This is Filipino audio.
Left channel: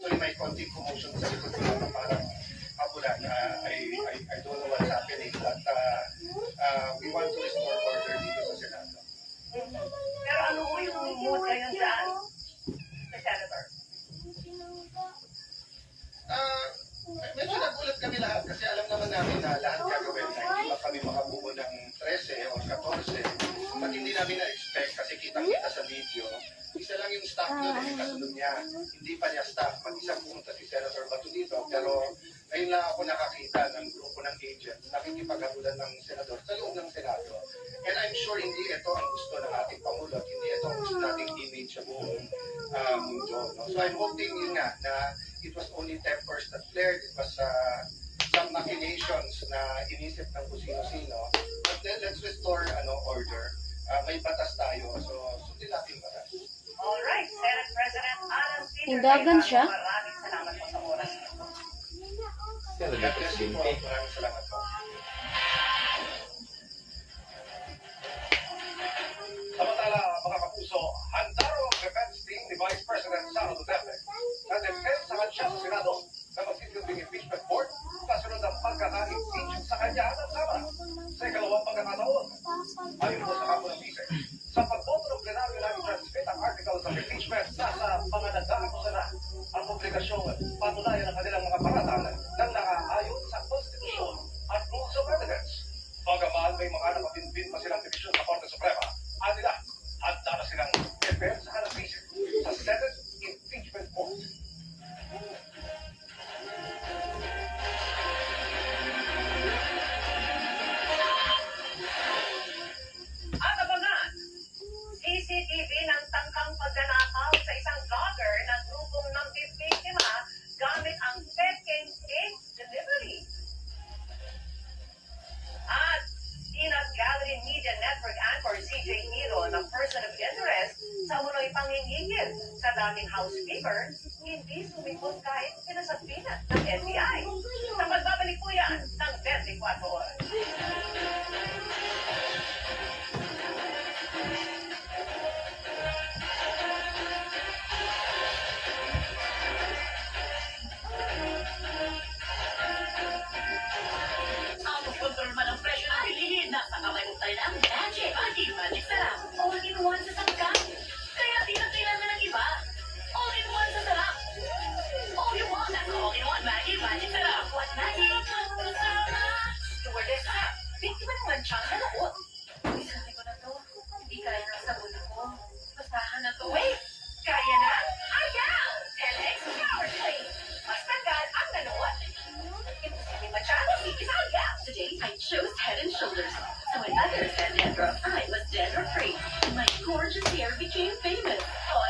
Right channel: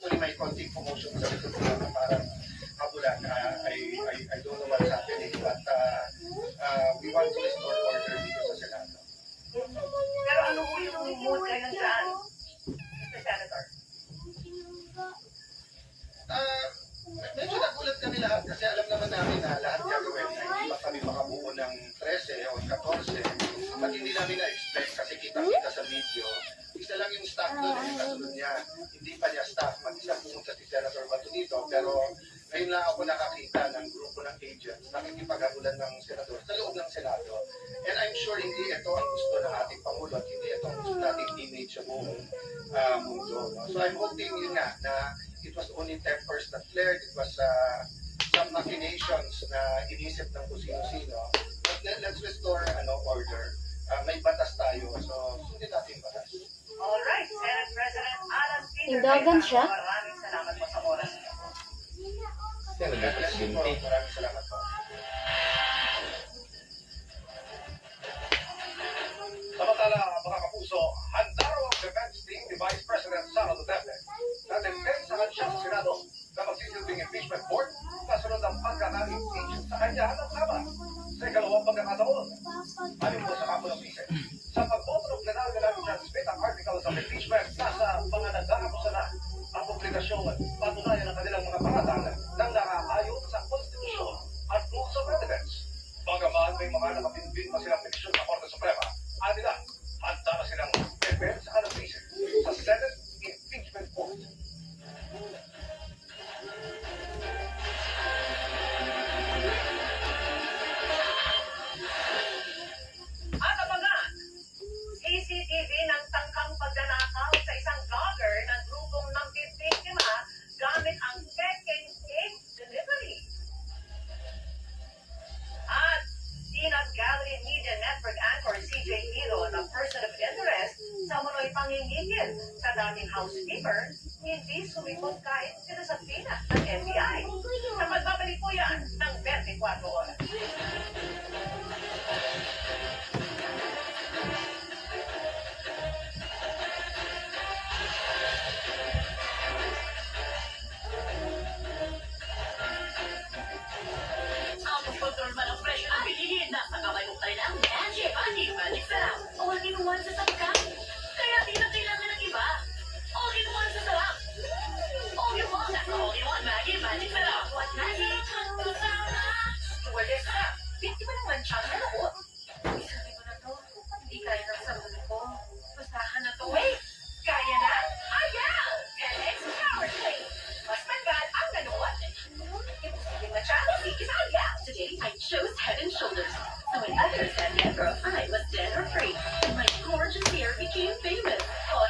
Actually, may konting commotion sa likod ko na parang kabulan. I don't know what's happening, but we want to restore order dito sa Senado. Pero ano po yung mood ngayon dyan, Mr. Senator? Medyo nagulat kami lahat kasi alam naman namin na lahat gagawin na hindi pa kami makabuo ng 13 o 14 at hindi namin na-expect kasi kitang-kita sa video. Isa lang yung staff nun, yung kasunod niya. Hindi pa niya staff. Mag-isang pumunta si Senator Bato dito. Pero ngayon lang ako nakakita ng grupo ng agents nakikipaghabulan ng senador sa loob ng Senado. And I'm sure hindi ito ang gusto ng ating Pangulo at hindi ito ang gusto nating image sa buong mundo. No? So I'm hoping yun nga na it was only tempers that flared. It was some machinations na inisip ng kung sino-sino. But then let's restore order. May batas tayo. So sundin natin yung batas. Alright, Senate President Alan Peter Tindagan siya? Maraming salamat po sa oras niyo. Pero God dapat bless you po. binti. Maraming salamat po. Samantala, mga kapuso, handa raw ang defense team ni Vice President Sara Duterte na depensahan siya sa Senado na magsisilbing impeachment court kasunod ang pagkaka-impeach sa kanya ng Kamara sa ikalawang pagkakataon. Ayon po sa Kampo ng Bise, sa pagboto ng plenaryo na i-transmit ang articles of impeachment, nasa mga nag-aakusa na ang publikasyon patunayan ang kanilang mga paratang ng nakaayon sa konstitusyon at rules of evidence. Bagaman may mga nakapinpin pa silang petisyon sa Korte Suprema, nila, handa na silang depensahan ng Bise sa Senate Impeachment Court. At abangan, CCTV ng tangkang pagnanakaw sa isang vlogger na grupong ng bibiktima gamit ang peking cake delivery. At Peanut Gallery Media Network anchor CJ Hilo na person of interest sa munoy pangingigil sa daming housekeeper, hindi sumipot kahit sinasagpina ng NBI. Sa pagbabalik po yan ng 24 oras. Ang kontrol man ang presyo ng bilihin, nasa kamay mo tayo ng Magic Balik Sarap. All-in-one sa sangkap. Kaya di na kailangan ng iba. All-in-one sa sarap. All-in-one at all-in-one Magic Balik Sarap. What Magic? Stewardess sarap. Biktima ng mansyang na loob. Sabi ko na to, hindi kaya ng sarili ko. Basahan na to. Wait! Kaya na? Ayaw! LX Power Play. Mas tanggal ang nanood. Imposible masyado, hindi ayaw. Today, I chose Head and Shoulders. So when others said Deborah, I was